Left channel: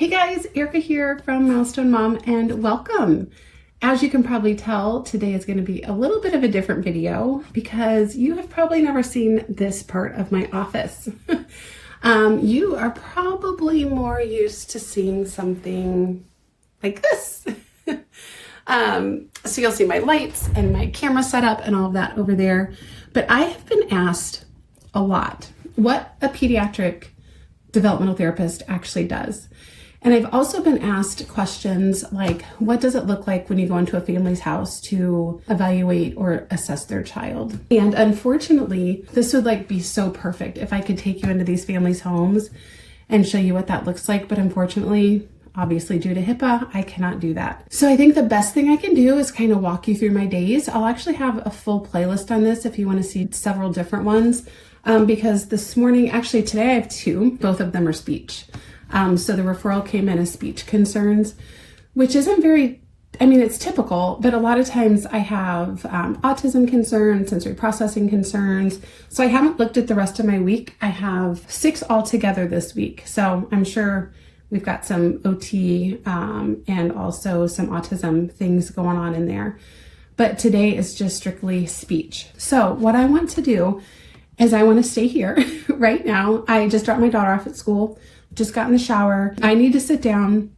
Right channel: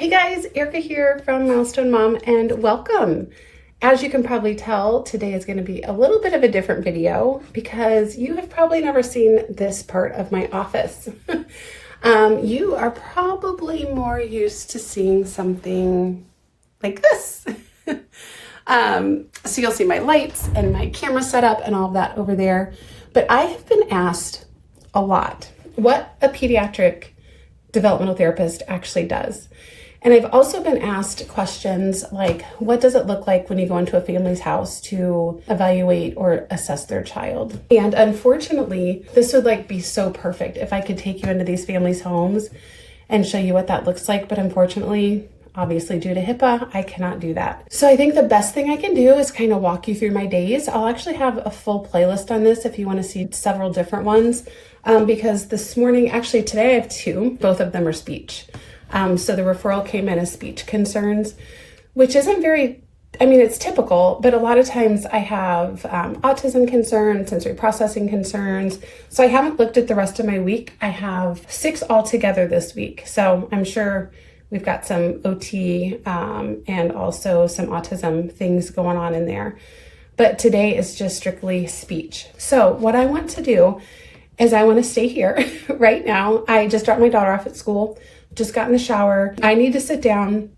Hey guys, Erica here from Milestone Mom and welcome. As you can probably tell, today is going to be a little bit of a different video because you have probably never seen this part of my office. You are probably more used to seeing something like this. So you'll see my lights and my camera setup and all of that over there. But I have been asked a lot what a pediatric developmental therapist actually does. And I've also been asked questions like, what does it look like when you go into a family's house to evaluate or assess their child? And unfortunately, this would be so perfect if I could take you into these families' homes and show you what that looks like. But unfortunately, obviously due to HIPAA, I cannot do that. So I think the best thing I can do is kind of walk you through my days. I'll actually have a full playlist on this if you want to see several different ones. Because this morning, actually today I have two, both of them are speech. So the referral came in as speech concerns, which isn't it's typical, but a lot of times I have autism concerns, sensory processing concerns. So I haven't looked at the rest of my week. I have 6 altogether this week. So I'm sure we've got some OT and also some autism things going on in there. But today is just strictly speech. So what I want to do is I want to stay here right now. I just dropped my daughter off at school. Just got in the shower. I need to sit down.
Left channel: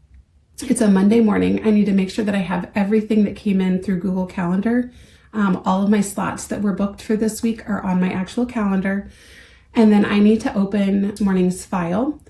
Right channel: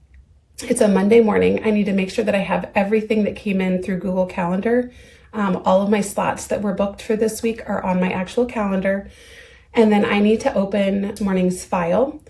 It's a Monday morning. I need to make sure that I have everything that came in through Google Calendar. All of my slots that were booked for this week are on my actual calendar. And then I need to open this morning's file.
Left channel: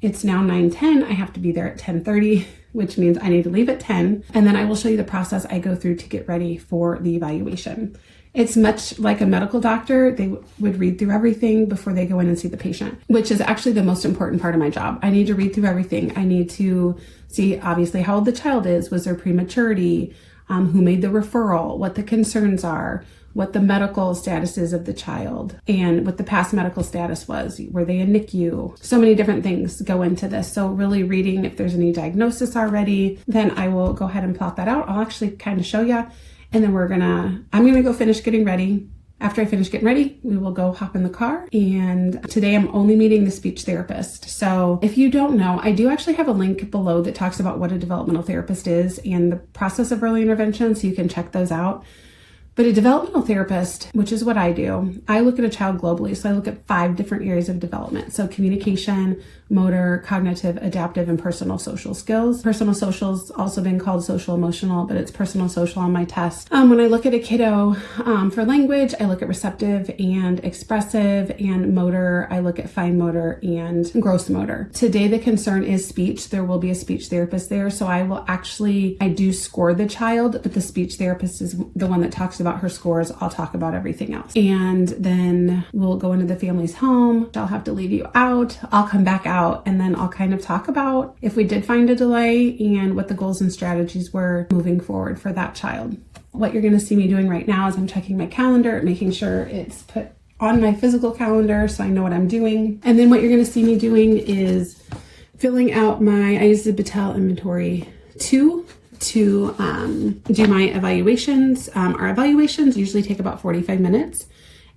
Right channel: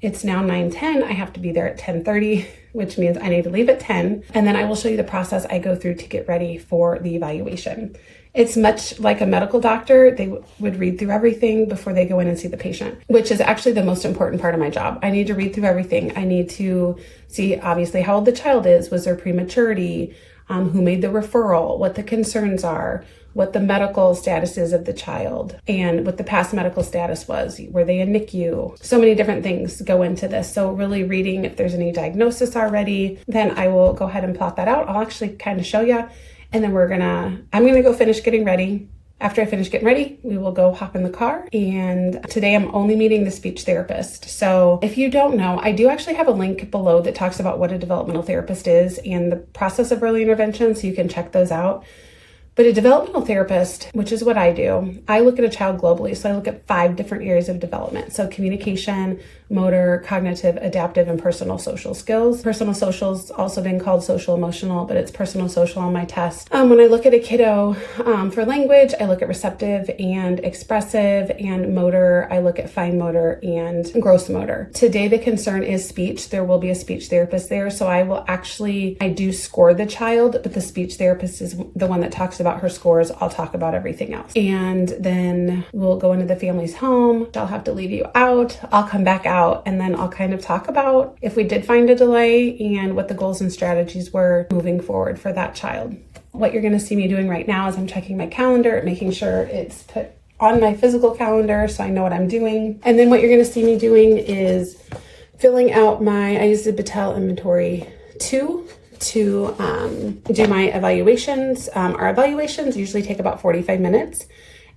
It's now 9:10. I have to be there at 10:30, which means I need to leave at 10. And then I will show you the process I go through to get ready for the evaluation. It's much like a medical doctor. They would read through everything before they go in and see the patient, which is actually the most important part of my job. I need to read through everything. I need to see, obviously, how old the child is. Was there prematurity? Who made the referral? What the concerns are? What the medical status is of the child? And what the past medical status was. Were they in NICU? So many different things go into this. So really reading if there's any diagnosis already, then I will go ahead and plot that out. I'll actually kind of show you. And then I'm gonna go finish getting ready. After I finish getting ready, we will go hop in the car. And today I'm only meeting the speech therapist. So if you don't know, I do actually have a link below that talks about what a developmental therapist is and the process of early intervention, so you can check those out. But a developmental therapist, which is what I do, I look at a child globally. So I look at 5 different areas of development. So communication, motor, cognitive, adaptive, and personal social skills. Personal social's also been called social emotional, but it's personal social on my test. When I look at a kiddo for language, I look at receptive and expressive, and motor, I look at fine motor and gross motor. Today, the concern is speech. There will be a speech therapist there. So I do score the child, but the speech therapist is the one that talks about her scores. I'll talk about everything else. And then we'll go into the family's home. I'll have to leave you out. I'll come back out. And then I'll kind of talk about if we did find a delay and what the goals and strategies were moving forward for that child. What you're going to see me doing right now is I'm checking my calendar, making sure it's put on my physical calendar so I know what I'm doing. And then what you're going to see me doing is filling out I use the Battelle Inventory 2 to do my evaluations. Our evaluations usually take about 45 minutes.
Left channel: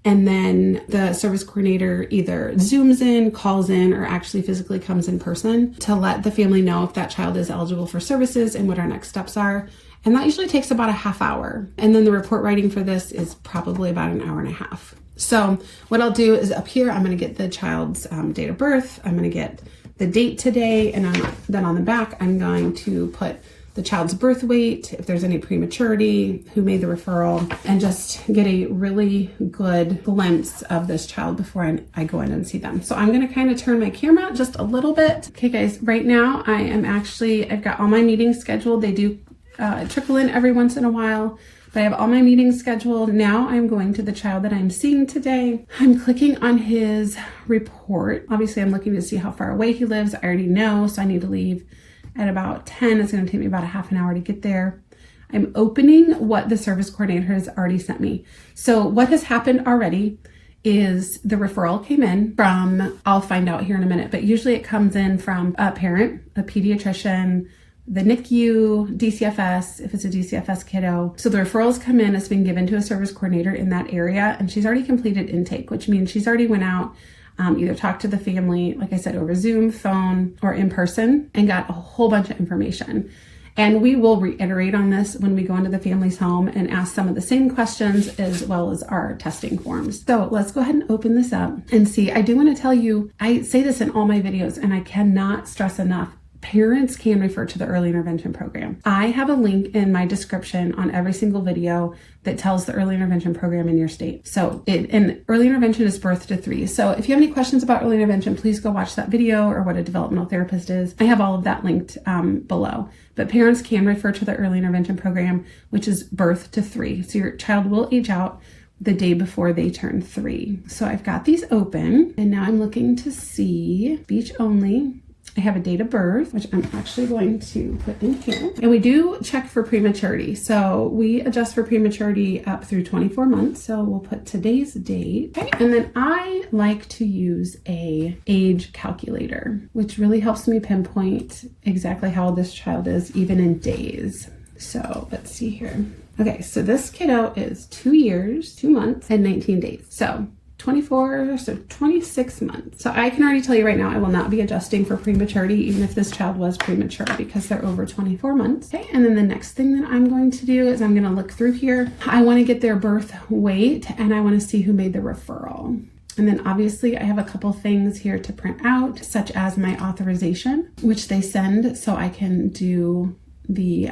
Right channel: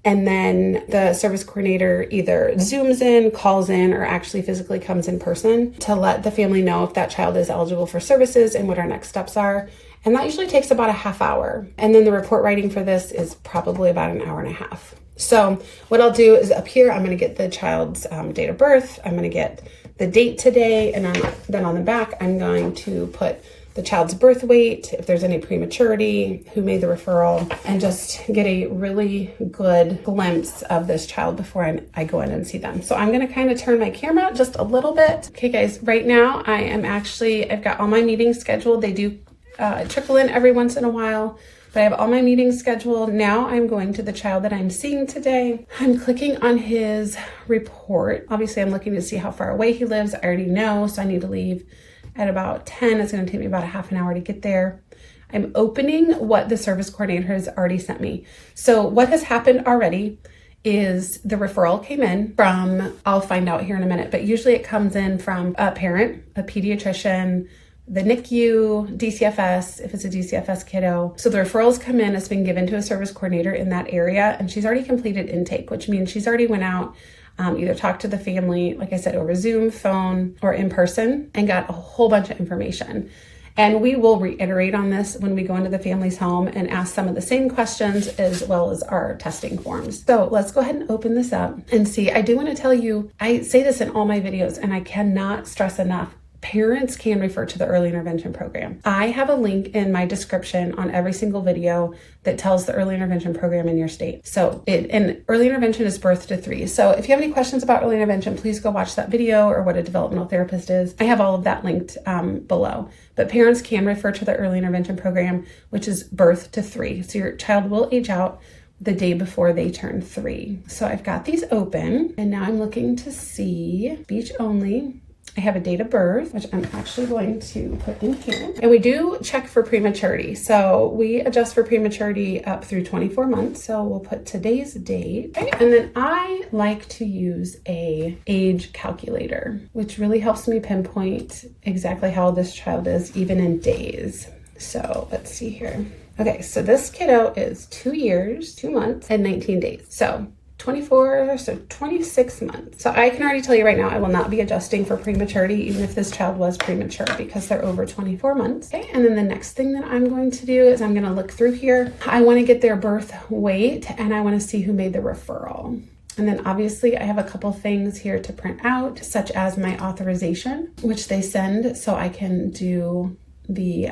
And then the service coordinator either Zooms in, calls in, or actually physically comes in person to let the family know if that child is eligible for services and what our next steps are. And that usually takes about a half hour. And then the report writing for this is probably about an hour and a half. So what I'll do is up here, I'm going to get the child's date of birth. I'm going to get the date today. And then on the back, I'm going to put the child's birth weight, if there's any prematurity, who made the referral, and just get a really good glimpse of this child before I go in and see them. So I'm gonna kind of turn my camera just a little bit. Okay guys, right now I've got all my meetings scheduled. They do trickle in every once in a while, but I have all my meetings scheduled. Now I'm going to the child that I'm seeing today. I'm clicking on his report. Obviously I'm looking to see how far away he lives. I already know, so I need to leave at about 10. It's going to take me about a half an hour to get there. I'm opening what the service coordinator has already sent me. So what has happened already is the referral came in from, I'll find out here in a minute, but usually it comes in from a parent, a pediatrician, the NICU, DCFS, if it's a DCFS kiddo. So the referrals come in, it's been given to a service coordinator in that area, and she's already completed intake, which means she's already went out, either talked to the family, like I said, over Zoom, phone, or in person, and got a whole bunch of information. And we will reiterate on this when we go into the family's home and ask some of the same questions as well as our testing forms. So let's go ahead and open this up and see. I do want to tell you, I say this in all my videos and I cannot stress enough, parents can refer to the early intervention program. I have a link in my description on every single video that tells the early intervention program in your state. So and early intervention is birth to 3. So if you have any questions about early intervention, please go watch that video or what a developmental therapist is. I have all of that linked below. But parents can refer to the early intervention program, which is birth to 3. So your child will age out the day before they turn 3. So I've got these open and now I'm looking to see speech only. I have a date of birth, which I'm actually going to put in here. And we do check for prematurity. So we adjust for prematurity up through 24 months. So we'll put today's date. Okay. And then I like to use a age calculator, which really helps me pinpoint exactly how old this child is, even in days. So let's see here. Okay, so this kiddo is 2 years, 2 months, and 19 days. So 24, so 26 months. So I can already tell you right now, I will not be adjusting for prematurity, even if this child was premature, because they're over 24 months. Okay, and then the next thing that I'm going to do is I'm going to look through here. I want to get their birth weight and I want to see who made the referral. And then obviously I have a couple things here to print out, such as my authorization, which they send so I can do the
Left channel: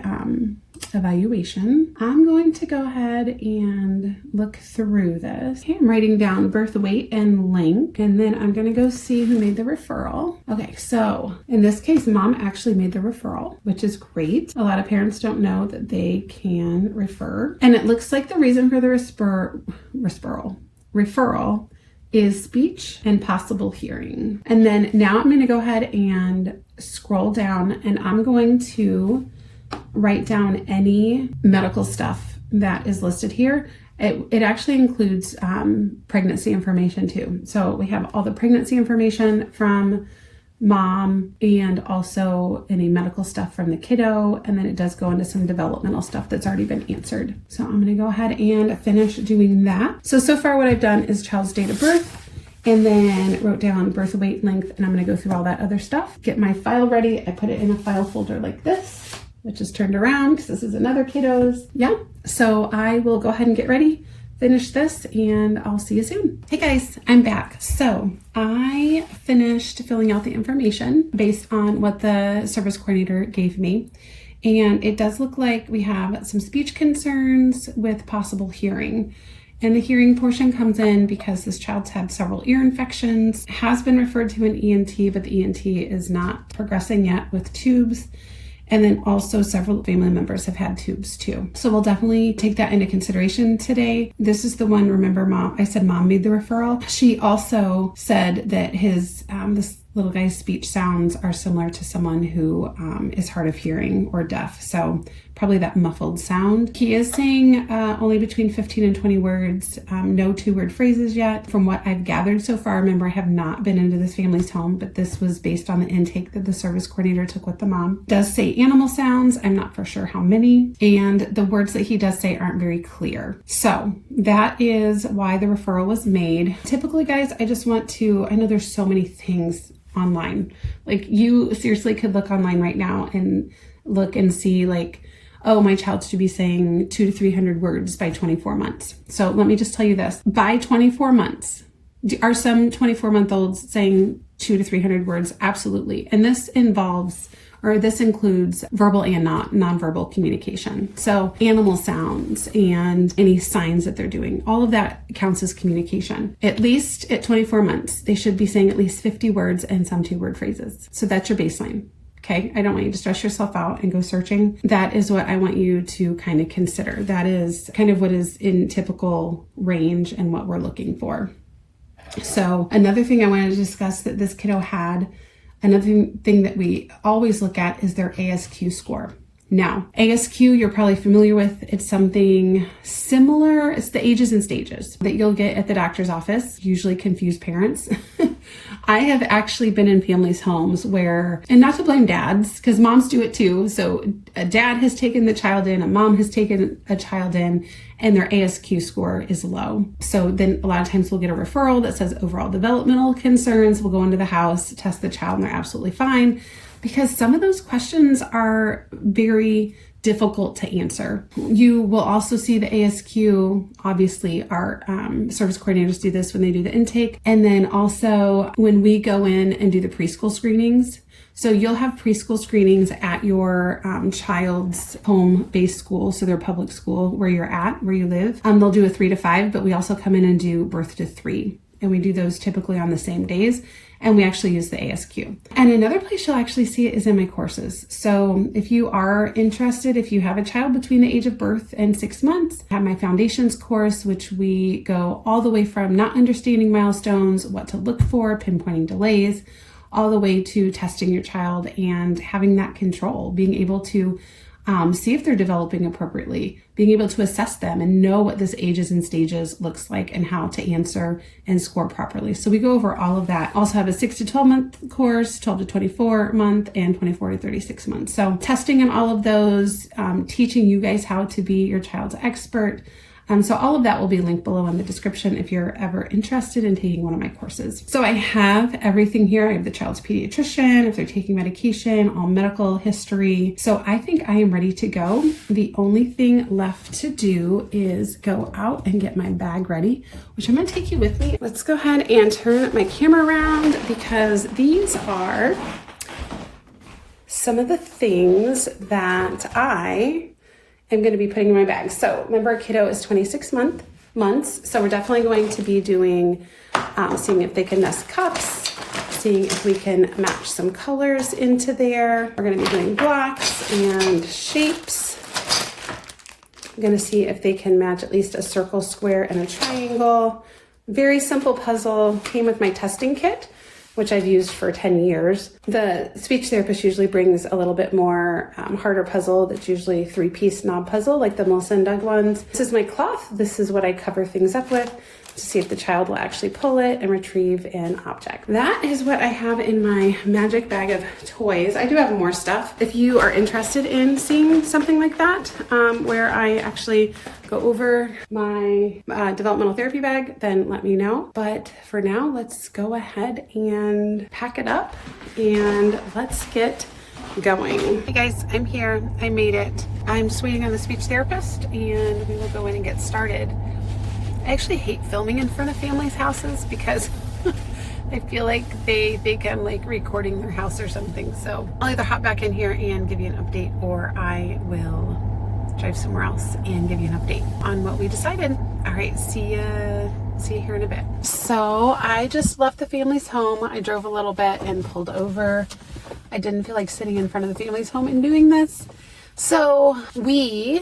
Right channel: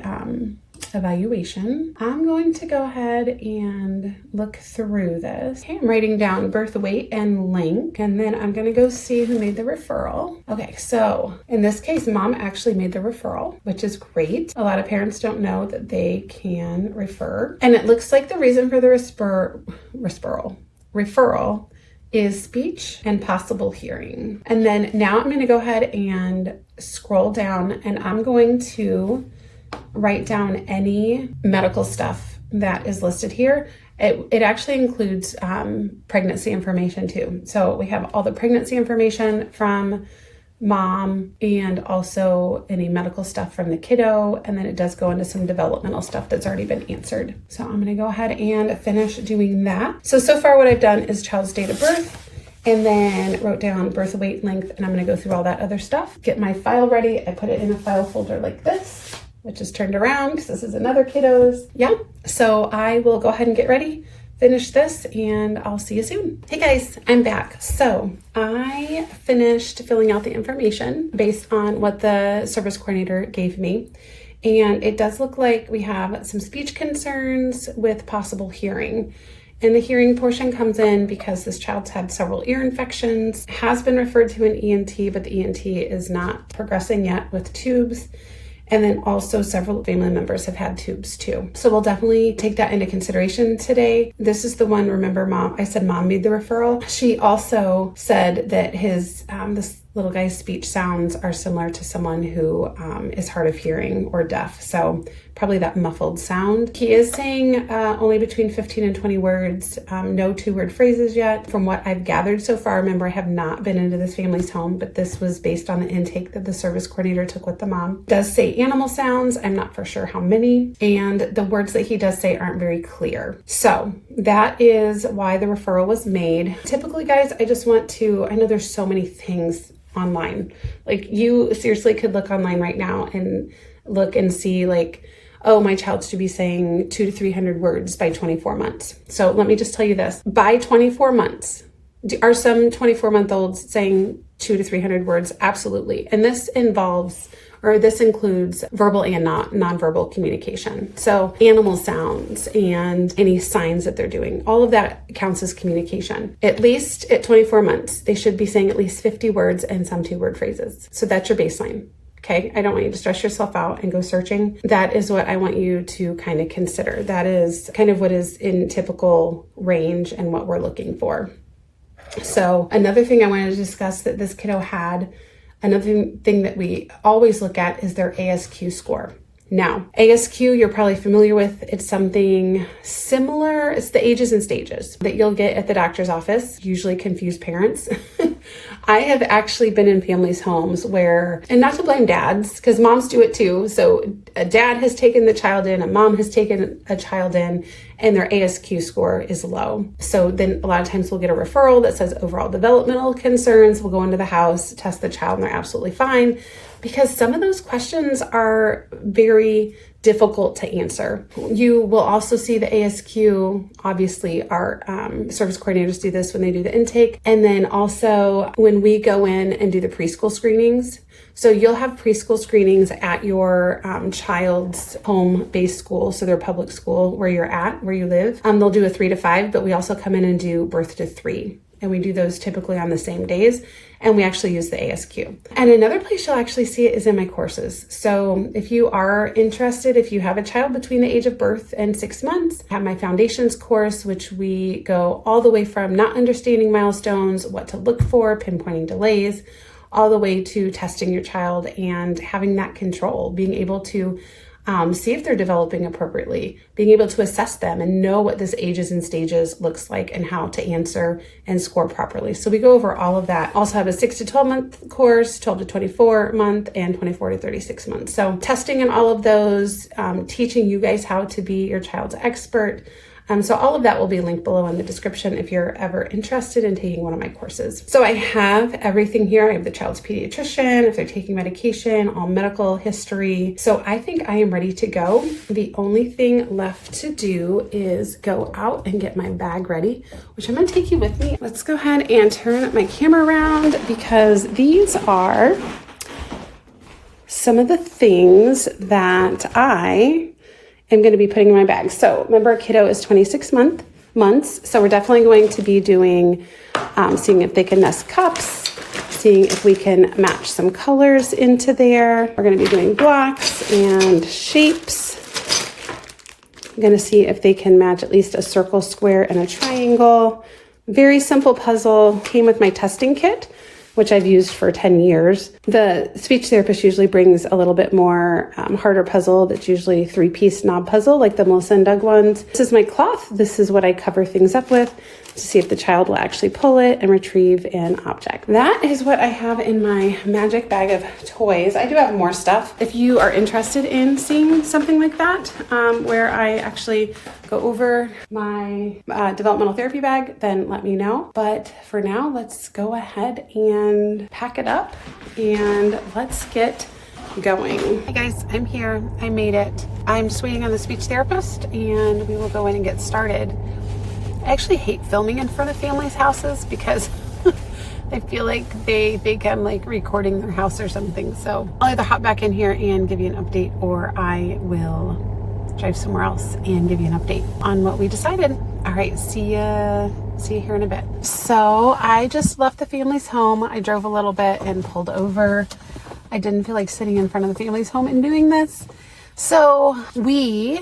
evaluation. I'm going to go ahead and look through this. Okay, I'm writing down birth weight and length, and then I'm going to go see who made the referral. Okay, so in this case, mom actually made the referral, which is great. A lot of parents don't know that they can refer, and it looks like the reason for the referral is speech and possible hearing. And then now I'm going to go ahead and scroll down, and I'm going to write down any medical stuff that is listed here. It actually includes pregnancy information too. So we have all the pregnancy information from mom and also any medical stuff from the kiddo. And then it does go into some developmental stuff that's already been answered. So I'm going to go ahead and finish doing that. So far what I've done is child's date of birth, and then wrote down birth weight, length, and I'm going to go through all that other stuff. Get my file ready. I put it in a file folder like this, which is turned around because this is another kiddo's. Yeah, so I will go ahead and get ready, finish this, and I'll see you soon. Hey guys, I'm back. So I finished filling out the information based on what the service coordinator gave me. And it does look like we have some speech concerns with possible hearing. And the hearing portion comes in because this child's had several ear infections, has been referred to an ENT, but the ENT is not progressing yet with tubes. And then also several family members have had tubes too. So we'll definitely take that into consideration today. This is the one, remember I said mom made the referral. She also said that his, this little guy's speech sounds are similar to someone who is hard of hearing or deaf. So probably that muffled sound. He is saying only between 15 and 20 words, no 2-word phrases yet. From what I've gathered so far, remember I have not been into this family's home, but this was based on the intake that the service coordinator took with the mom. Does say animal sounds, I'm not for sure how many, and the words that he does say aren't very clear. So that is why the referral was made. Typically guys, I know there's so many things online. Like you seriously could look online right now and look and see like, oh, my child should be saying 200 to 300 words by 24 months. So let me just tell you this. By 24 months, are some 24-month-olds saying 200 to 300 words? Absolutely. And this includes verbal and nonverbal communication. So animal sounds and any signs that they're doing, all of that counts as communication. At least at 24 months, they should be saying at least 50 words and some 2-word phrases. So that's your baseline. Okay, I don't want you to stress yourself out and go searching. That is what I want you to kind of consider. That is kind of what is in typical range and what we're looking for. So another thing I wanted to discuss that this kiddo had, another thing that we always look at is their ASQ score. Now, ASQ, you're probably familiar with. It's something similar. It's the ages and stages that you'll get at the doctor's office. Usually confuse parents I have actually been in families' homes where, and not to blame dads, because moms do it too. So a dad has taken the child in, a mom has taken a child in, and their ASQ score is low. So then a lot of times we'll get a referral that says overall developmental concerns. We'll go into the house, test the child, and they're absolutely fine, because some of those questions are very difficult to answer. You will also see the ASQ. Obviously, our service coordinators do this when they do the intake. And then also when we go in and do the preschool screenings. So you'll have preschool screenings at your child's home-based school, so their public school where you're at, where you live. They'll do a 3 to 5, but we also come in and do birth to 3. And we do those typically on the same days. And we actually use the ASQ. And another place you'll actually see it is in my courses. So if you are interested, if you have a child between the age of birth and 6 months, I have my foundations course, which we go all the way from not understanding milestones, what to look for, pinpointing delays, all the way to testing your child and having that control, being able to see if they're developing appropriately, being able to assess them and know what this ages and stages looks like and how to answer and score properly. So we go over all of that. Also have a 6 to 12 month course, 12 to 24 month, and 24 to 36 months. So testing in all of those, teaching you guys how to be your child's expert. So all of that will be linked below in the description if you're ever interested in taking one of my courses. So I have everything here. I have the child's pediatrician, if they're taking medication, all medical history. So I think I am ready to go. The only thing left to do is go out and get my bag ready, which I'm gonna take you with me. Let's go ahead and turn my camera around because these are some of the things that I am going to be putting in my bag. So remember, a kiddo is 26 months. So we're definitely going to be doing, seeing if they can nest cups, seeing if we can match some colors into there. We're going to be doing blocks and shapes. I'm going to see if they can match at least a circle, square, and a triangle. Very simple puzzle. Came with my testing kit, which I've used for 10 years. The speech therapist usually brings a little bit more harder puzzle that's usually 3-piece knob puzzle like the Melissa and Doug ones. This is my cloth. This is what I cover things up with to see if the child will actually pull it and retrieve an object. That is what I have in my magic bag of toys. I do have more stuff. If you are interested in seeing something like that, where I actually go over my developmental therapy bag, then let me know. But for now, let's go ahead and pack it up and let's get going. Hey guys, I'm here. I made it. I'm just waiting on the speech therapist and we will go in and get started. I actually hate filming in front of families' houses because I feel like they think I'm like recording their house or something. So I'll either hop back in here and give you an update, or I will drive somewhere else and give you an update on what we decided. All right, see you here in a bit. So I just left the family's home. I drove a little bit and pulled over. I didn't feel like sitting in front of the family's home and doing this. So we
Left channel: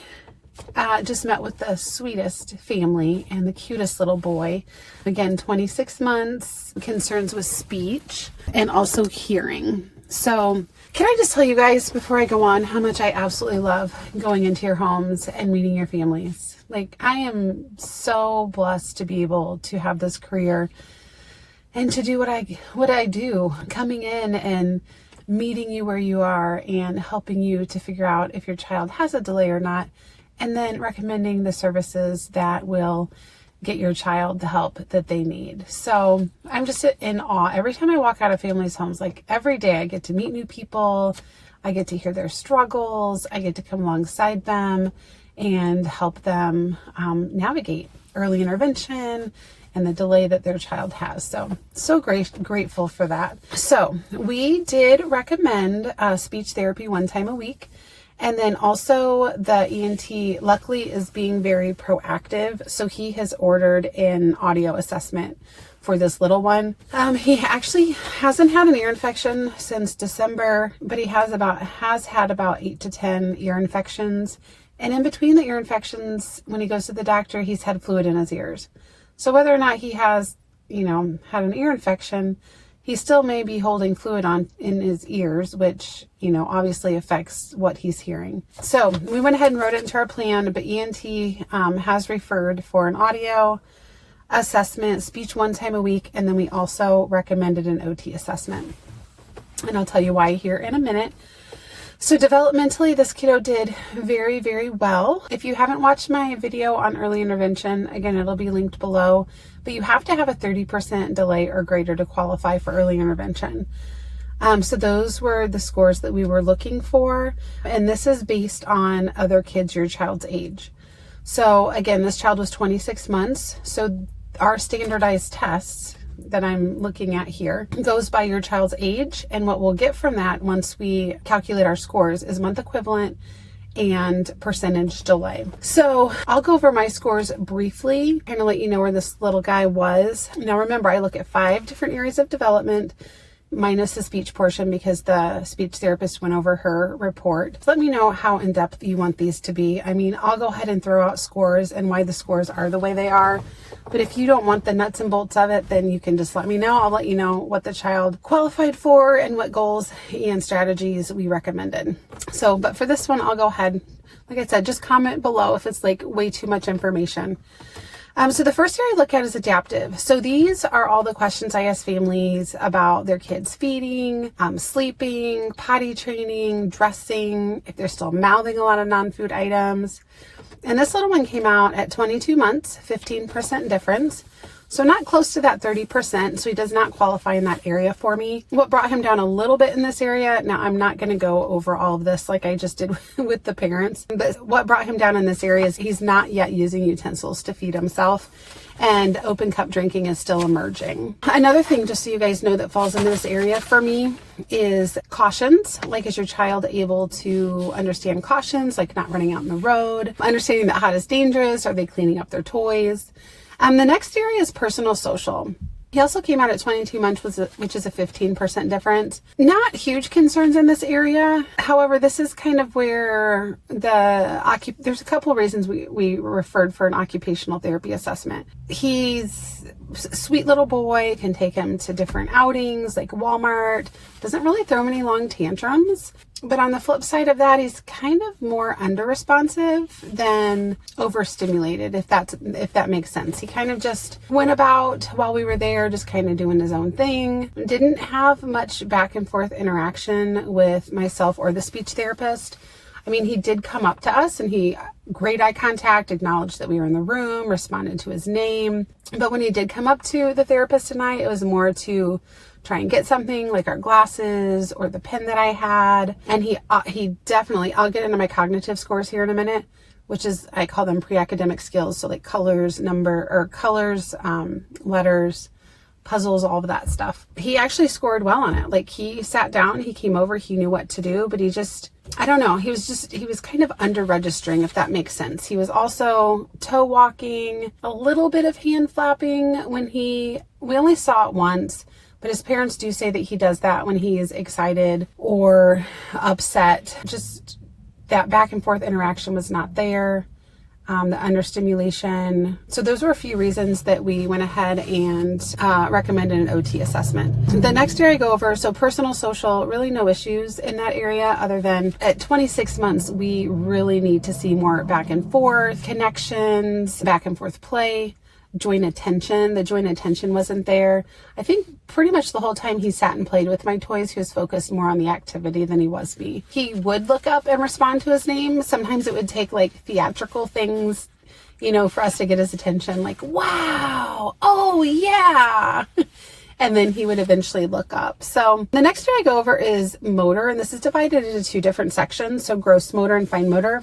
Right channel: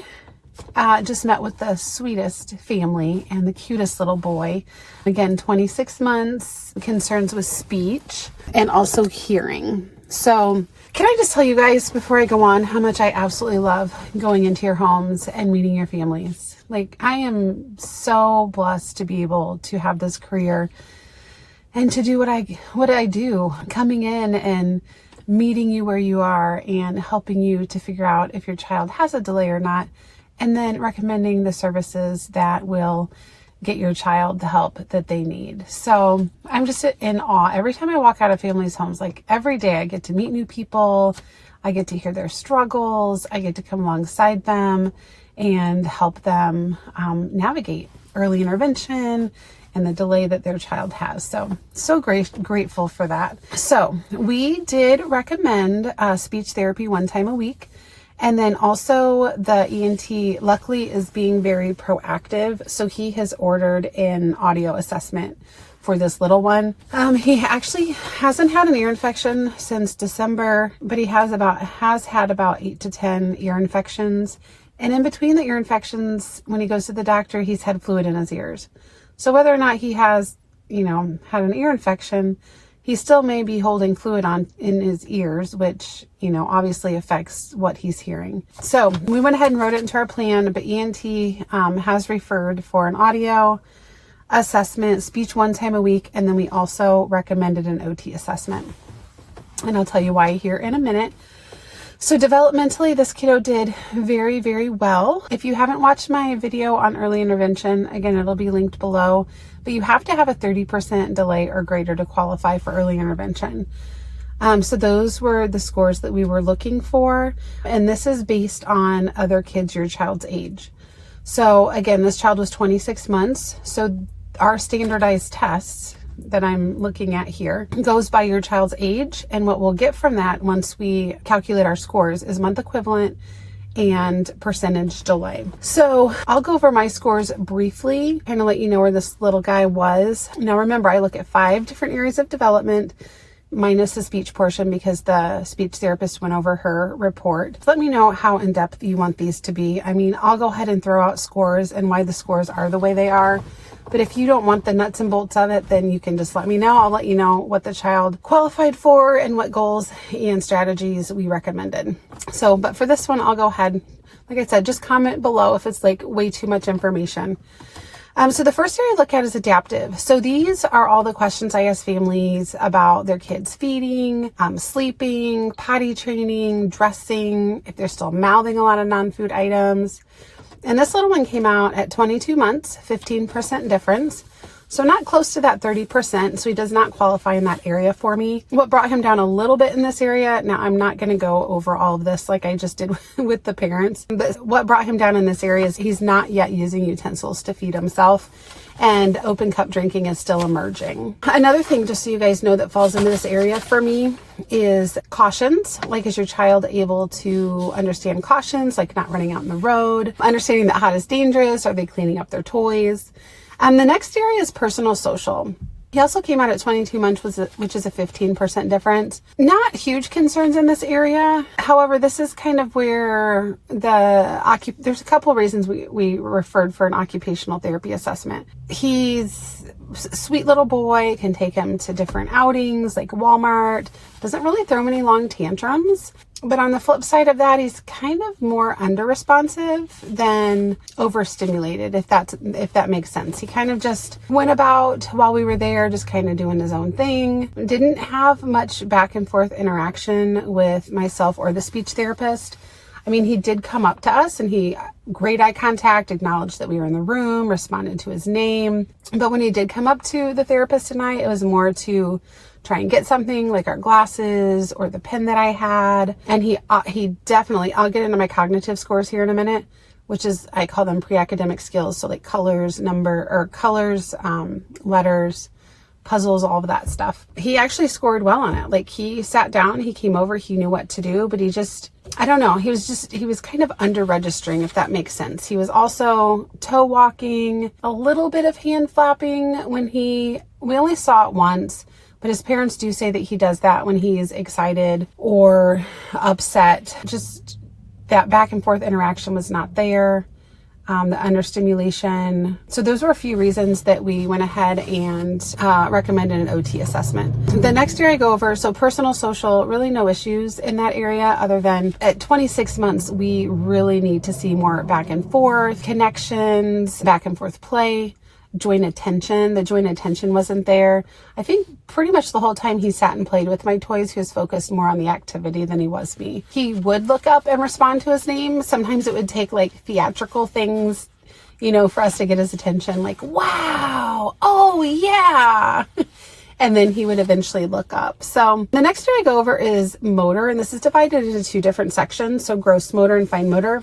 just met with the sweetest family and the cutest little boy. Again, 26 months, concerns with speech and also hearing. So can I just tell you guys before I go on how much I absolutely love going into your homes and meeting your families. Like, I am so blessed to be able to have this career and to do what I do, coming in and meeting you where you are and helping you to figure out if your child has a delay or not, and then recommending the services that will get your child the help that they need. So I'm just in awe. Every time I walk out of families' homes, like every day I get to meet new people. I get to hear their struggles. I get to come alongside them and help them navigate early intervention and the delay that their child has. So grateful for that. So we did recommend speech therapy 1 time a week. And then also the ENT luckily is being very proactive. So he has ordered an audio assessment for this little one. He actually hasn't had an ear infection since December, but he has had about 8 to 10 ear infections. And in between the ear infections, when he goes to the doctor, he's had fluid in his ears. So whether or not he has, had an ear infection, he still may be holding fluid in his ears, which, obviously affects what he's hearing. So we went ahead and wrote it into our plan, but ENT has referred for an audio assessment, speech 1 time a week, and then we also recommended an OT assessment. And I'll tell you why here in a minute. So developmentally, this kiddo did very, very well. If you haven't watched my video on early intervention, again, it'll be linked below, but you have to have a 30% delay or greater to qualify for early intervention. So those were the scores that we were looking for. And this is based on other kids your child's age. So again, this child was 26 months. So our standardized tests that I'm looking at here goes by your child's age. And what we'll get from that once we calculate our scores is month equivalent and percentage delay. So I'll go over my scores briefly, kind of let you know where this little guy was. Now remember, I look at 5 different areas of development minus the speech portion because the speech therapist went over her report. Let me know how in depth you want these to be. I mean, I'll go ahead and throw out scores and why the scores are the way they are. But if you don't want the nuts and bolts of it, then you can just let me know. I'll let you know what the child qualified for and what goals and strategies we recommended. So, but for this one, I'll go ahead. Like I said, just comment below if it's like way too much information. So the first area I look at is adaptive. So these are all the questions I ask families about their kids feeding, sleeping, potty training, dressing, if they're still mouthing a lot of non-food items. And this little one came out at 22 months, 15% difference. So not close to that 30%. So he does not qualify in that area for me. What brought him down a little bit in this area, now I'm not going to go over all of this like I just did with the parents, but what brought him down in this area is he's not yet using utensils to feed himself. And open cup drinking is still emerging. Another thing, just so you guys know, that falls into this area for me is cautions. Like, is your child able to understand cautions, like not running out in the road, understanding that hot is dangerous? Are they cleaning up their toys? The next area is personal social. He also came out at 22 months, which is a 15% difference. Not huge concerns in this area. However, this is kind of where there's a couple of reasons we referred for an occupational therapy assessment. He's a sweet little boy, can take him to different outings like Walmart, doesn't really throw any long tantrums. But on the flip side of that, he's kind of more under-responsive than overstimulated, if that makes sense. He kind of just went about while we were there, just kind of doing his own thing. Didn't have much back and forth interaction with myself or the speech therapist. I mean, he did come up to us and great eye contact, acknowledged that we were in the room, responded to his name. But when he did come up to the therapist tonight, it was more to try and get something like our glasses or the pen that I had. And he definitely, I'll get into my cognitive scores here in a minute, which is, I call them pre-academic skills. So like colors, letters, puzzles, all of that stuff. He actually scored well on it. Like, he sat down, he came over, he knew what to do, but he just, I don't know. He was kind of under registering, if that makes sense. He was also toe walking, a little bit of hand flapping we only saw it once. But his parents do say that he does that when he's excited or upset. Just that back and forth interaction was not there. The understimulation. So those were a few reasons that we went ahead and recommended an OT assessment. The next area I go over, so personal social, really no issues in that area other than at 26 months, we really need to see more back and forth, connections, back and forth play. Joint attention. The joint attention wasn't there. I think pretty much the whole time he sat and played with my toys, he was focused more on the activity than he was me. He would look up and respond to his name. Sometimes it would take like theatrical things, for us to get his attention, like, wow, oh yeah. And then he would eventually look up. So the next area I go over is motor, and this is divided into 2 different sections. So gross motor and fine motor.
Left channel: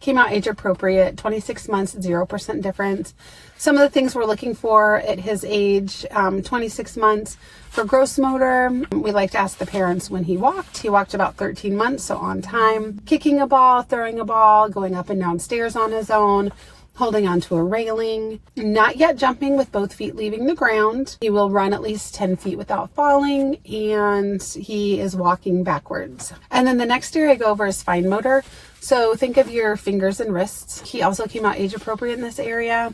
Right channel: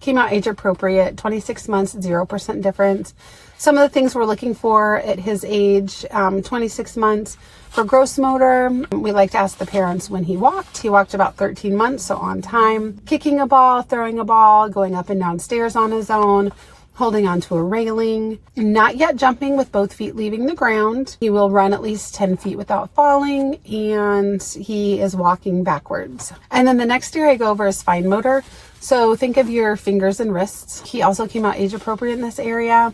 Came out age appropriate, 26 months, 0% difference. Some of the things we're looking for at his age, 26 months. For gross motor, we like to ask the parents when he walked. He walked about 13 months, so on time. Kicking a ball, throwing a ball, going up and down stairs on his own, holding onto a railing. Not yet jumping with both feet leaving the ground. He will run at least 10 feet without falling, and he is walking backwards. And then the next area I go over is fine motor. So think of your fingers and wrists. He also came out age appropriate in this area.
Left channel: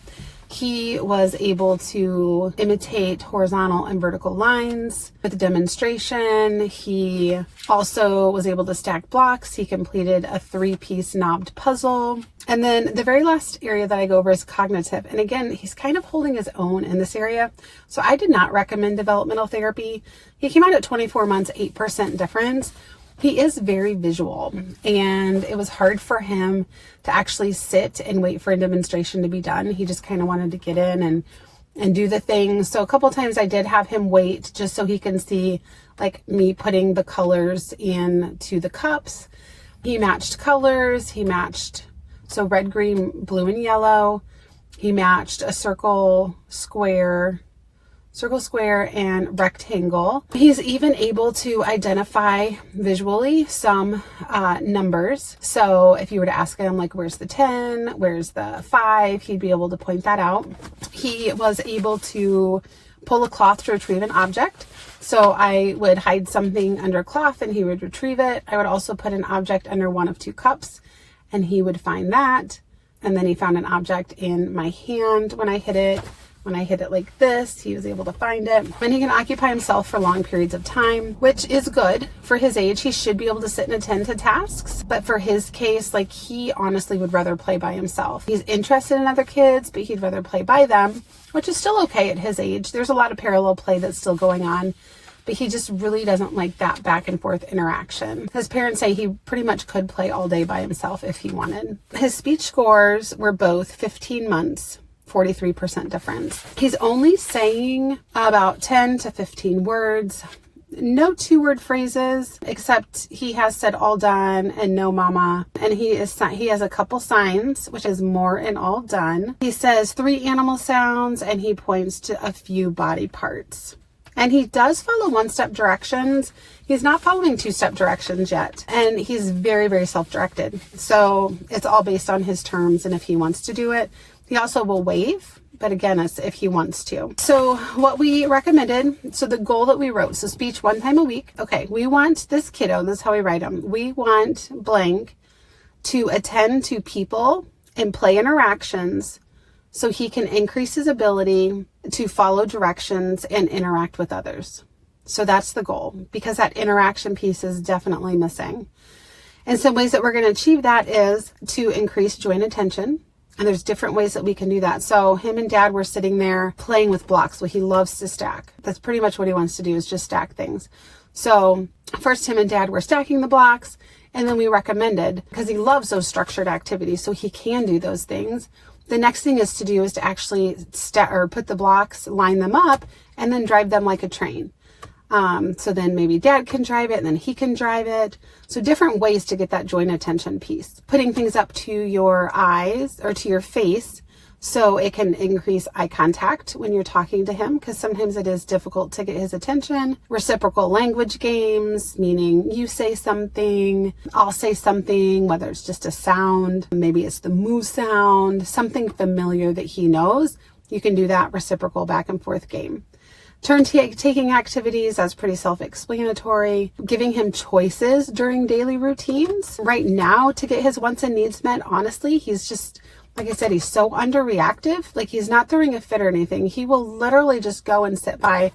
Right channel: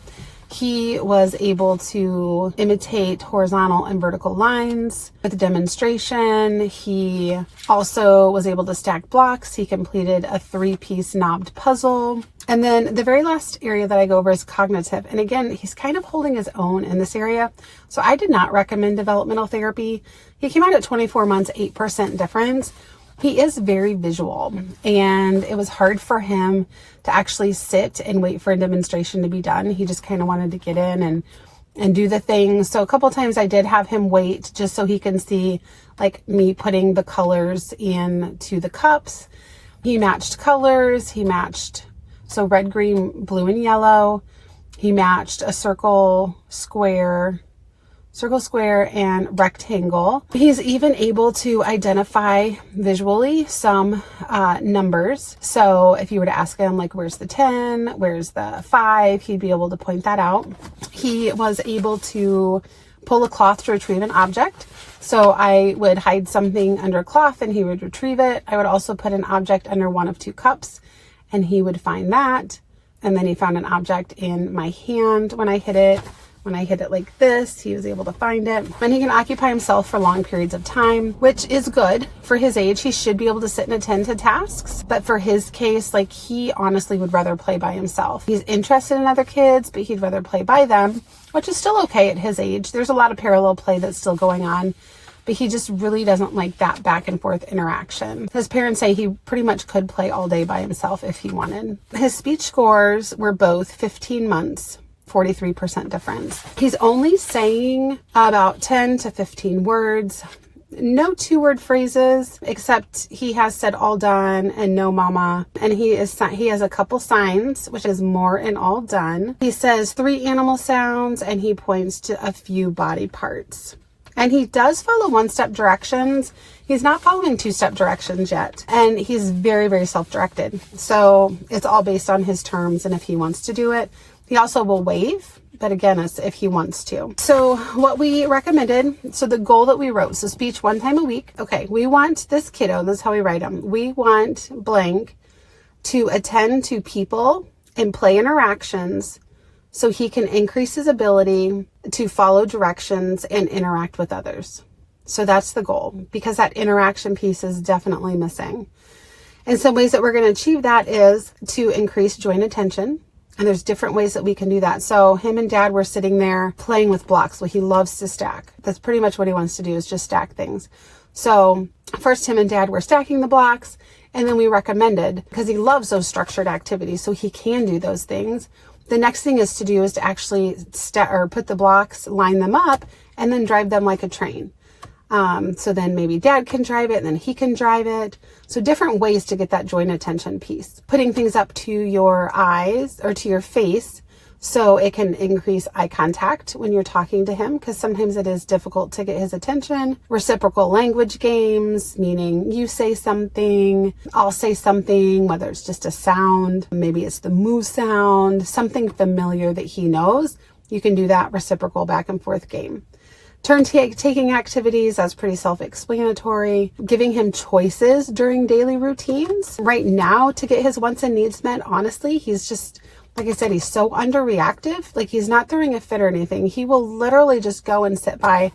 He was able to imitate horizontal and vertical lines with the demonstration. He also was able to stack blocks. He completed a 3-piece knobbed puzzle. And then the very last area that I go over is cognitive. And again, he's kind of holding his own in this area. So I did not recommend developmental therapy. He came out at 24 months, 8% difference. He is very visual, and it was hard for him to actually sit and wait for a demonstration to be done. He just kind of wanted to get in and do the thing. So a couple times I did have him wait just so he can see like me putting the colors into the cups. He matched colors. He matched, so red, green, blue, and yellow. He matched a circle, square, and rectangle. He's even able to identify visually some numbers. So if you were to ask him, like, where's the 10, where's the 5, he'd be able to point that out. He was able to pull a cloth to retrieve an object. So I would hide something under a cloth and he would retrieve it. I would also put an object under one of 2 cups and he would find that. And then he found an object in my hand when I hit it. When I hit it like this, he was able to find it. And he can occupy himself for long periods of time, which is good for his age. He should be able to sit and attend to tasks. But for his case, like, he honestly would rather play by himself. He's interested in other kids, but he'd rather play by them, which is still okay at his age. There's a lot of parallel play that's still going on, but he just really doesn't like that back and forth interaction. His parents say he pretty much could play all day by himself if he wanted. His speech scores were both 15 months, 43% difference. He's only saying about 10 to 15 words. No 2-word phrases, except he has said all done and no mama. And he has a couple signs, which is more and all done. He says 3 animal sounds and he points to a few body parts. And he does follow 1-step directions. He's not following 2-step directions yet. And he's very, very self-directed. So it's all based on his terms and if he wants to do it. He also will wave, but again, it's if he wants to. So what we recommended, so the goal that we wrote, so speech 1 time a week. Okay, we want this kiddo, this is how we write them. We want blank to attend to people and play interactions so he can increase his ability to follow directions and interact with others. So that's the goal, because that interaction piece is definitely missing. And some ways that we're going to achieve that is to increase joint attention. And there's different ways that we can do that. So him and dad were sitting there playing with blocks. Well, he loves to stack. That's pretty much what he wants to do, is just stack things. So first him and dad were stacking the blocks, and then we recommended, because he loves those structured activities, so he can do those things. The next thing is to actually put the blocks, line them up, and then drive them like a train. So then maybe dad can drive it and then he can drive it. So different ways to get that joint attention piece. Putting things up to your eyes or to your face so it can increase eye contact when you're talking to him, because sometimes it is difficult to get his attention. Reciprocal language games, meaning you say something, I'll say something, whether it's just a sound, maybe it's the moo sound, something familiar that he knows. You can do that reciprocal back and forth game. Turn-taking activities, that's pretty self-explanatory. Giving him choices during daily routines. Right now, to get his wants and needs met, honestly, he's just, like I said, he's so underreactive. Like, he's not throwing a fit or anything. He will literally just go and sit by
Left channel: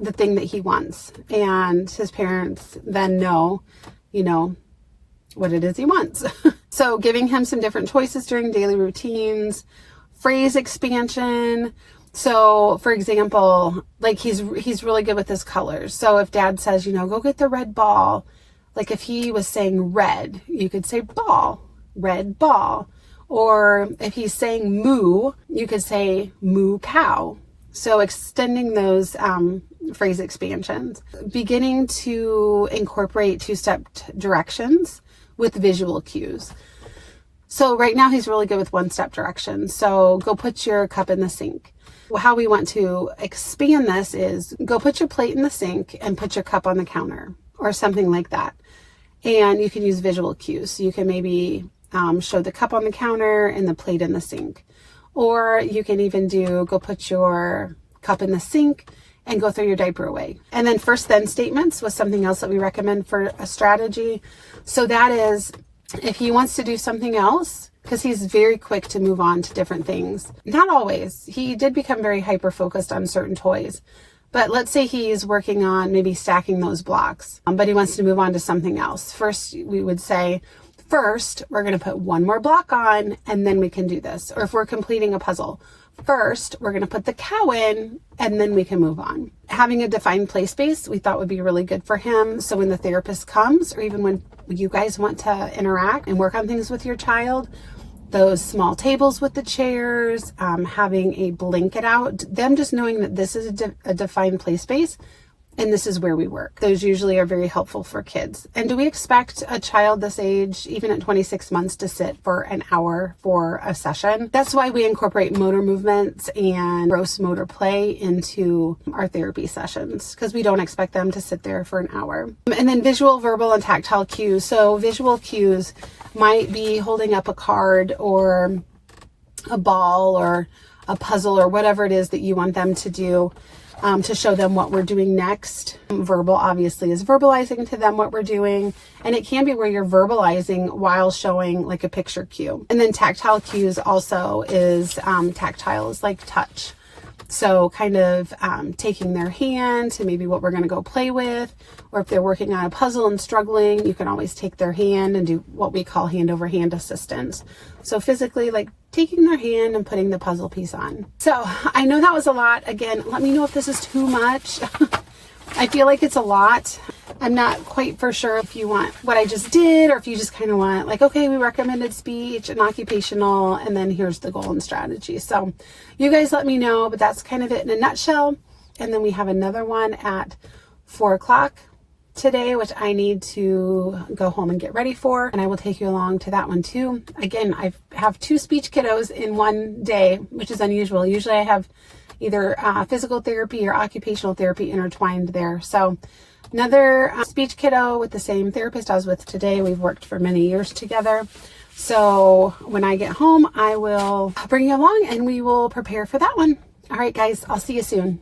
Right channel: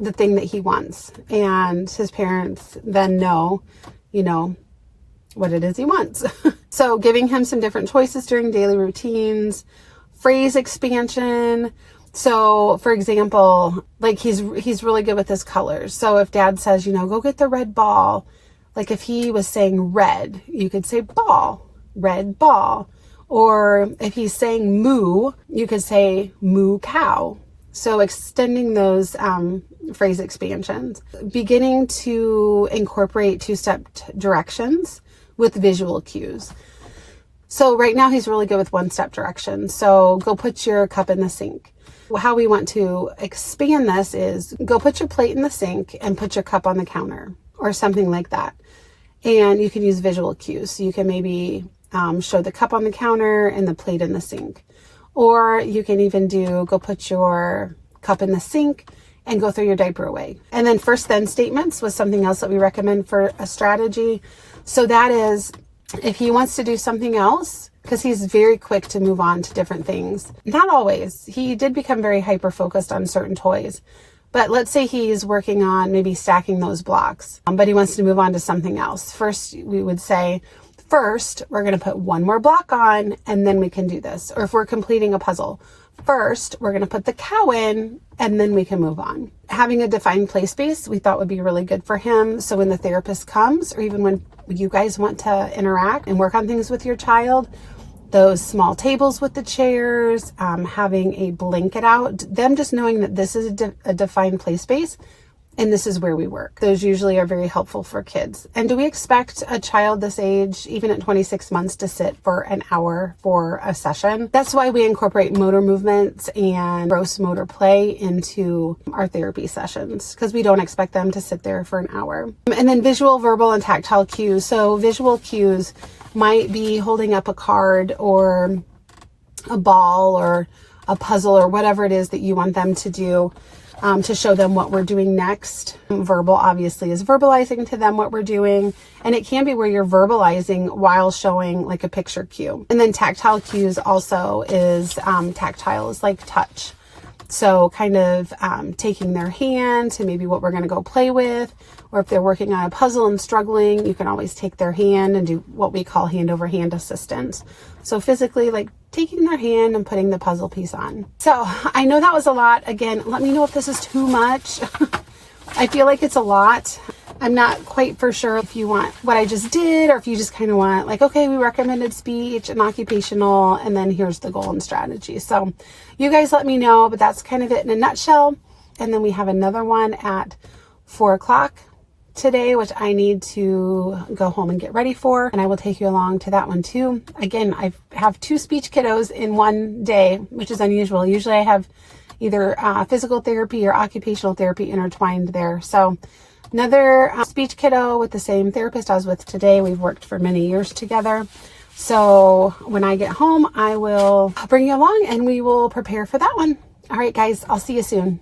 the thing that he wants. And his parents then know, what it is he wants. So giving him some different choices during daily routines. Phrase expansion. So, for example, like he's really good with his colors. So if dad says, go get the red ball, like if he was saying red, you could say ball, red ball. Or if he's saying moo, you could say moo cow. So extending those phrase expansions. Beginning to incorporate 2-step directions with visual cues. So right now he's really good with 1-step directions. So go put your cup in the sink. How we want to expand this is go put your plate in the sink and put your cup on the counter or something like that. And you can use visual cues. So you can maybe show the cup on the counter and the plate in the sink. Or you can even go put your cup in the sink and go throw your diaper away. And then first then statements was something else that we recommend for a strategy. So that is, if he wants to do something else, because he's very quick to move on to different things. Not always. He did become very hyper-focused on certain toys. But let's say he's working on maybe stacking those blocks, but he wants to move on to something else. First, we would say, first, we're going to put one more block on, and then we can do this. Or if we're completing a puzzle, first, we're going to put the cow in, and then we can move on. Having a defined play space we thought would be really good for him. So when the therapist comes, or even when you guys want to interact and work on things with your child, those small tables with the chairs, having a blanket out, them just knowing that this is a defined play space and this is where we work. Those usually are very helpful for kids. And do we expect a child this age, even at 26 months, to sit for an hour for a session? That's why we incorporate motor movements and gross motor play into our therapy sessions, because we don't expect them to sit there for an hour. And then visual, verbal, and tactile cues. So visual cues might be holding up a card or a ball or a puzzle or whatever it is that you want them to do, to show them what we're doing next. Verbal obviously is verbalizing to them what we're doing, and it can be where you're verbalizing while showing like a picture cue. And then tactile cues also is tactile is like touch. So kind of taking their hand to maybe what we're going to go play with, or if they're working on a puzzle and struggling, you can always take their hand and do what we call hand over hand assistance. So physically, like taking their hand and putting the puzzle piece on. So I know that was a lot. Again, let me know if this is too much. I feel like it's a lot. I'm not quite for sure if you want what I just did, or if you just kind of want like, okay, we recommended speech and occupational, and then here's the goal and strategy. So you guys let me know, but that's kind of it in a nutshell. And then we have another one at 4 o'clock today, which I need to go home and get ready for. And I will take you along to that one too. Again, I have 2 speech kiddos in one day, which is unusual. Usually I have either physical therapy or occupational therapy intertwined there. So another speech kiddo with the same therapist I was with today. We've worked for many years together. So when I get home, I will bring you along and we will prepare for that one. All right, guys, I'll see you soon.